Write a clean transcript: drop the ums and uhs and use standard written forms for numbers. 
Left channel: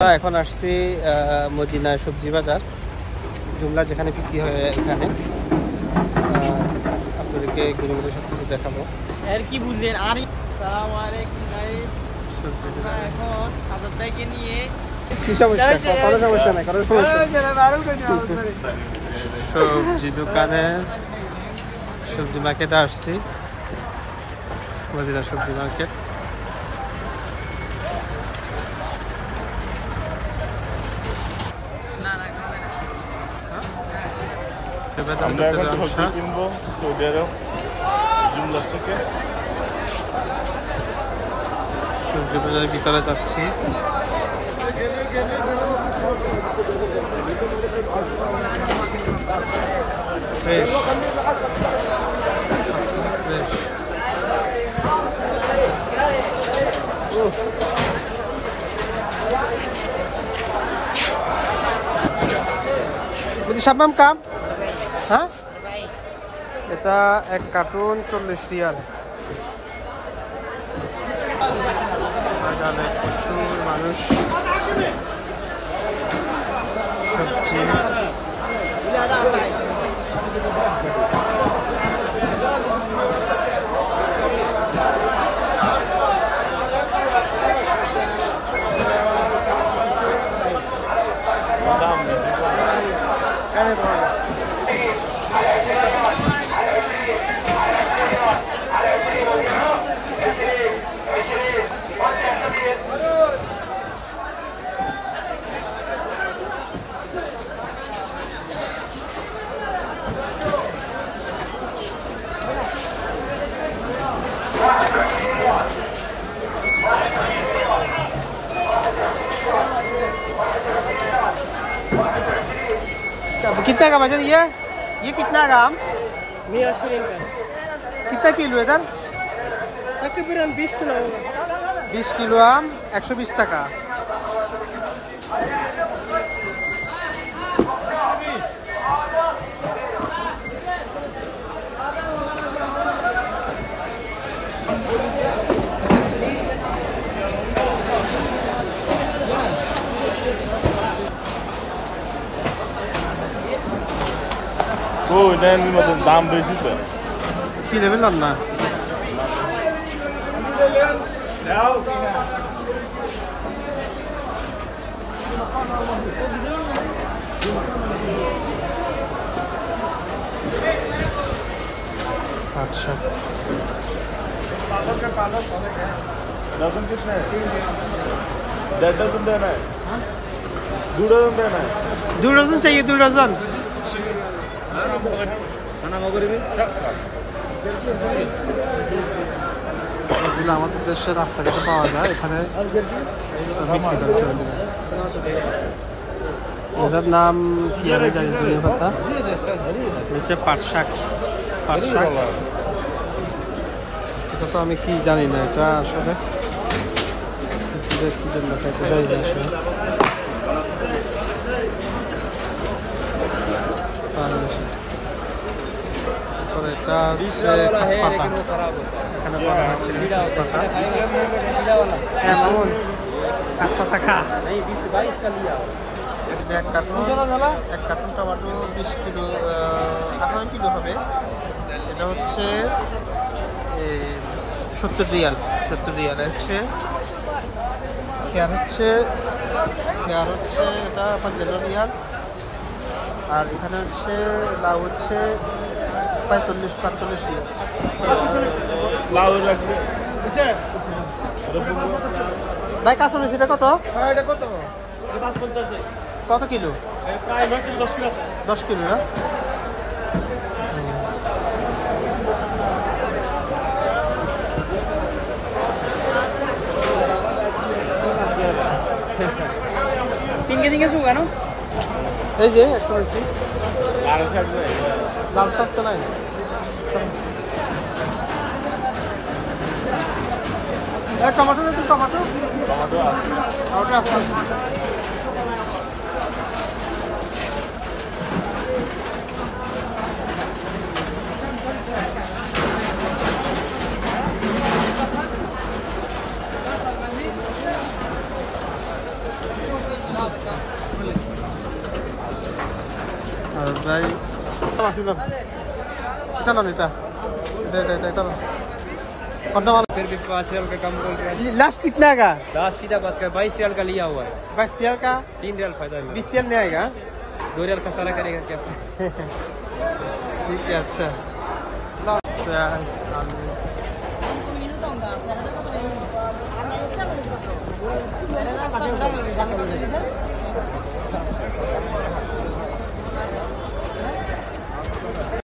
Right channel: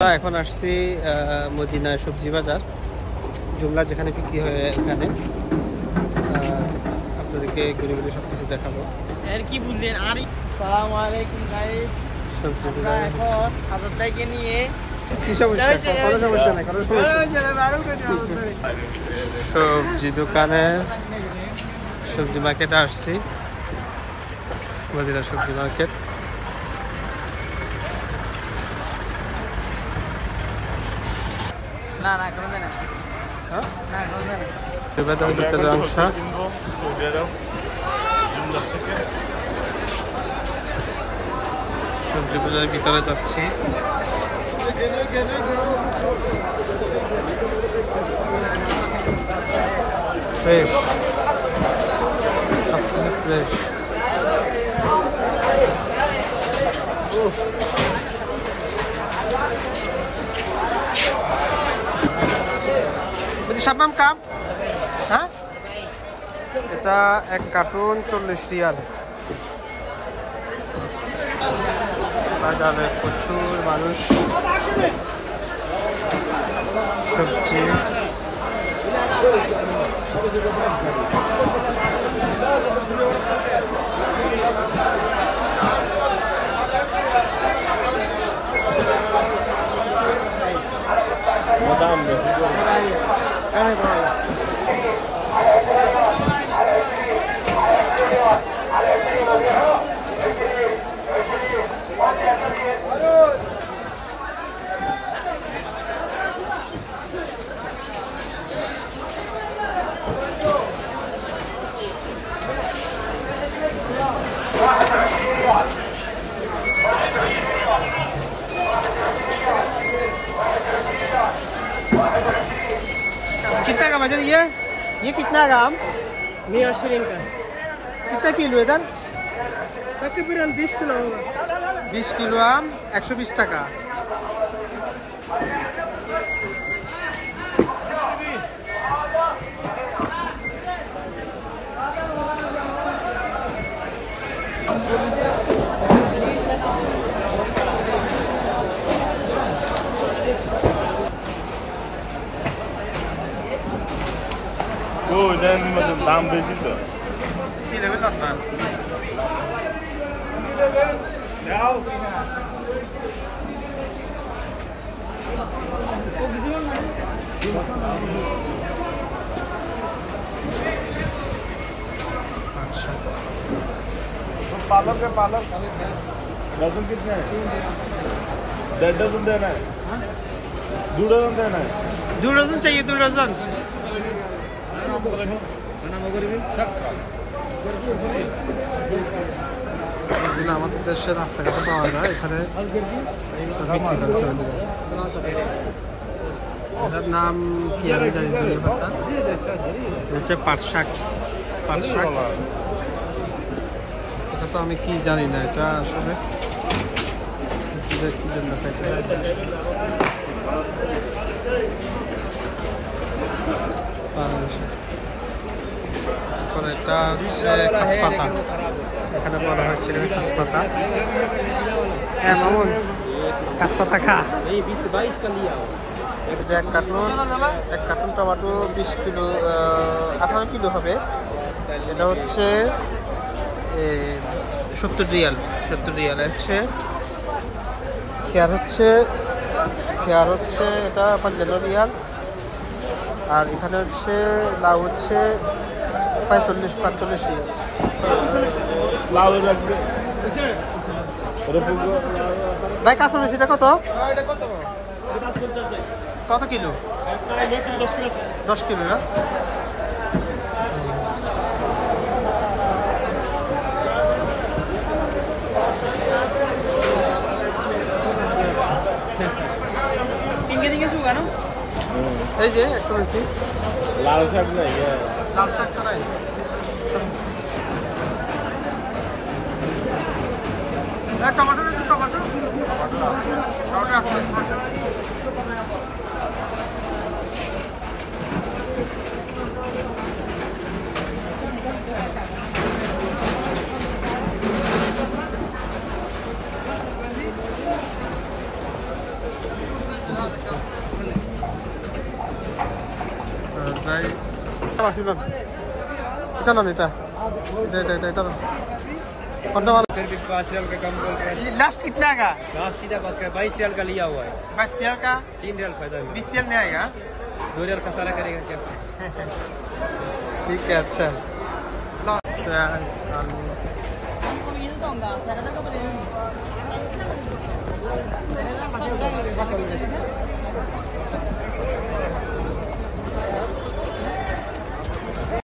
এখন আসছি মদিনা সবজি বাজার জুমলা যেখানে বিক্রি হয় এখানে আপনাদেরকে ঘুরে ঘুরে সবকিছু দেখাবো। আর কি বুঝলেন আর আসসালামু আলাইকুম গাইস সবজি বাজারে হাজার টাকা নিয়ে কি সমস্যা? কোনো সমস্যা নাই, কোনো সমস্যা নাই। সবজি দোকানে সবজি মার্কেটে আসছি, মদিনা সবজি মার্কেট। সবজি বাজারের ভিতরে যাচ্ছি। Fresh, fresh. শাবনাম কাম, হ্যাঁ এটা এক কার্টুন 40 রিয়াল। বাজারে প্রচুর মানুষ, সবজি कितना का वजन? ये कितना ग्राम? 120 का। कितना किलो इधर? तकरीबन 20 किलो होगा। 20 किलो आम 120 টাকা। দাম বেশি তো কি নেবেন না? अच्छा डजन कितने है? 1.5 डजन देना है। 2 डजन देना है। 2 डजन चाहिए, 2 डजन। এগুলো আমাদের দেশের রাস্তাঘাটে পাওয়া যায়, এখানে বিক্রি করে সৌদিরা। এটার নাম কি আমি জানি, ধনিয়া পাতা, হচ্ছে পাট শাক। পাট শাক এটা তো আমি কি জানি না, এটা আসলে কি জন্য খাইতে হয়। এটা হচ্ছে খাসপাতা, এখানে বলা হচ্ছিল খাসপাতা। হ্যাঁ মামুন, খাসপাতা খা। এক কার্টুন টমেটো 20 কিলো, 18 কিলো হবে। এটা হচ্ছে 70 রিয়াল। 70 রিয়াল হচ্ছে। খেয়ার হচ্ছে এটা 55 রিয়াল। আর এখানে হচ্ছে লাউ হচ্ছে 45 রিয়াল। লাউ রাখবে ভাই কাঁচা মরিচ এটা কত? কত কিলো? 10 কিলো না? এই যে একটা রয়েছি লাল শাক নেই, লাল শাক তো নাই। টমেটো আছে। भाई चलो नीता फिर भी 5 रियल का कम बोल रहे हैं। लास्ट कितना का? लास्ट सीधा बात कर 22 रियल का लिया हुआ है। बस रियल का 3 रियल फायदा है। 20 रियल नहीं आएगा? 2 रियल का सारा करेगा क्या? ठीक है अच्छा।